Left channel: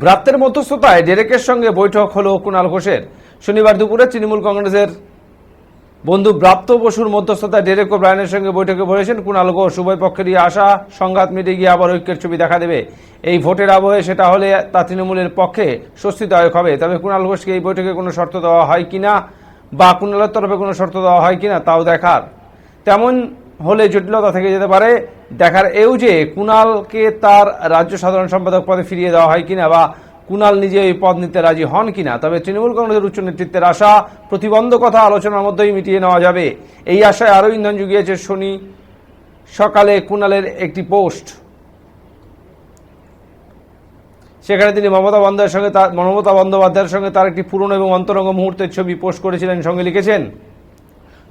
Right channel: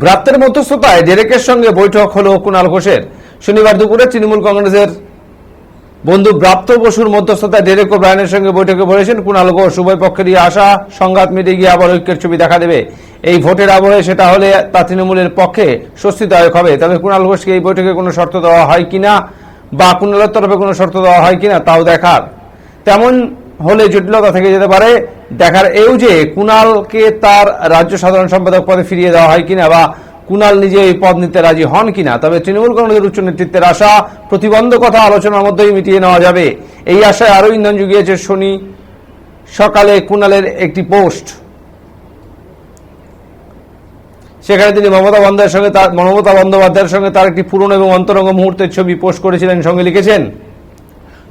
ব্রাত্যের মধ্যস্থতায় ডেরেকের সঙ্গে বৈঠক হলো কুণাল ঘোষের। শনিবার দুপুরে তৃণমূল কংগ্রেসের বন্ধু ব্রাত্য বসুর মধ্যস্থতায় ডেরেক ও ব্রায়ানের সঙ্গে বৈঠকে বলেছেন কুণাল ঘোষ। উভয় পক্ষেরই আশা সংঘাত মিটে গিয়ে আবার ঐক্যের ছবি দেখা দেবে। এই ভোটের আবহে সেটা হলে তা তৃণমূলের পক্ষে স্বস্তিদায়ক হবে। তবে কুণাল ঘোষকে এই বৈঠকে কোনো শর্ত দেওয়া হয় কিনা বা কুণালের তরফে কোনো শর্ত দেওয়া হয় কিনা তাও দেখার। তেমন হলে জটিলতা থেকে যেতে পারে। দেখার এও যে কুণালকে তার রাজ্য সাধারণ সম্পাদক পদে ফিরিয়ে দেওয়া হয় কিনা বা কুণাল নিজে এই পদ নিতে রাজি হন কিনা। তবে তৃণমূল কংগ্রেসের উচ্চ নেতৃত্বের আশা প্রতিবন্ধকতা আলোচনার মধ্যেই মিটিয়ে নেওয়া যাবে। এই আশায় আরও ইন্ধন জুগিয়েছে শনি সকালে কুণালের একটি পোস্ট। সেখানে তিনি মমতা বন্দ্যোপাধ্যায়ের সঙ্গে তার একটি পুরনো এবং অন্তরঙ্গ মুহূর্তের ছবি পোস্ট করেছিলেন। সঙ্গে লিখেছেন,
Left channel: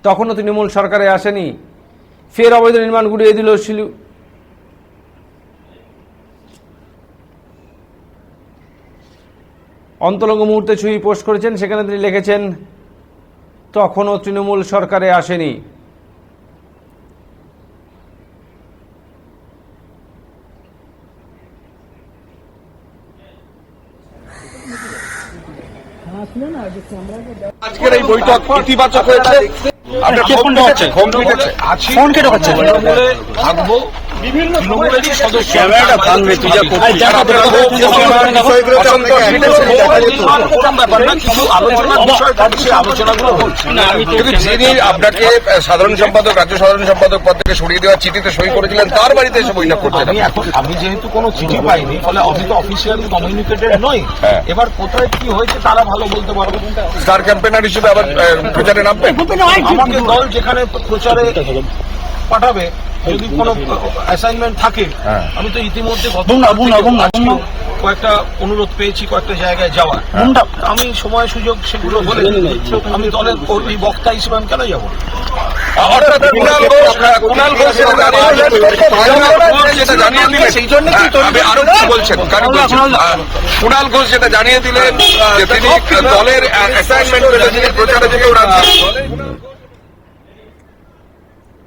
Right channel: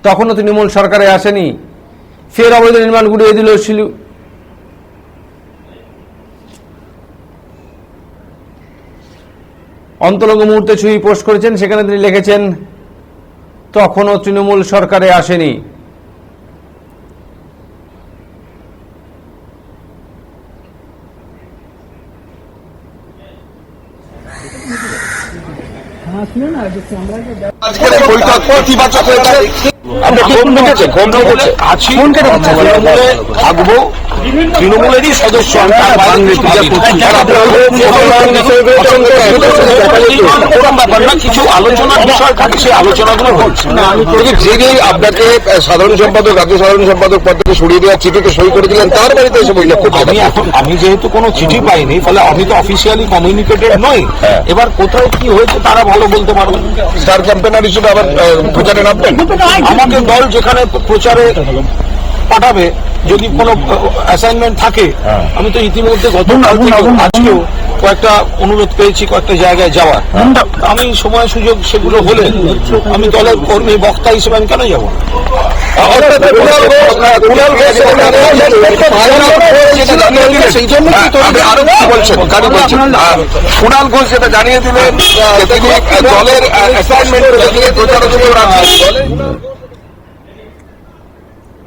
তখনও তৃণমূল সরকারে আসেনি, ফের অবৈধ নির্মাণ গুড়িয়ে দিল অন্তরঙ্গ মুহূর্তে ছবি পোস্ট করেছেন। সেখানে তিনি লিখেছেন, তখনও তৃণমূল সরকারে আসেনি। আজকের এই বৈঠক ইতিবাচক হয়েছে। তৃণমূলে থাকবো, তৃণমূলেরই সদস্য কোন ব্যাপার না, কিছু আলোচনার বিষয় থাকে, সেই আলোচনাগুলো হচ্ছে। যিনি আপনাকে সাধারণ সম্পাদক, রাজ্য সাধারণ সম্পাদক পদ থেকে সরিয়ে দেওয়ার চিঠিতে সই করেছিলেন, তার বাড়িতে এসে বৈঠক করতে আমি যেহেতু কোনো চিঠি পাইনি, ফলে আমি তো অফিসিয়ালি কমিউনিকেটেড নই। এবার কোথায় কি হয়েছে তারা ভালো বলতে পারবেন। স্টার ক্যাম্পেনার হিসেবে আবার প্রচারে নামবেন। আমাকে দল যেখানে প্রচারে পাঠাবে, যদি কোনো অ্যাসাইনমেন্ট থাকে, আমি তো ইতিমধ্যে আজকেও কয়েকটা অনুরোধ পেয়েছি কয়েকটা জায়গায় যাওয়ার। আমি সময় সুযোগ সেগুলো হলে আমি দলের কর্মী বক্তা হিসেবে আমি কেন যাবো? কুণাল ঘোষ যেটা জানিয়ে দিলেন, তিনি দলের অ্যাসাইনমেন্ট প্রচারের জন্য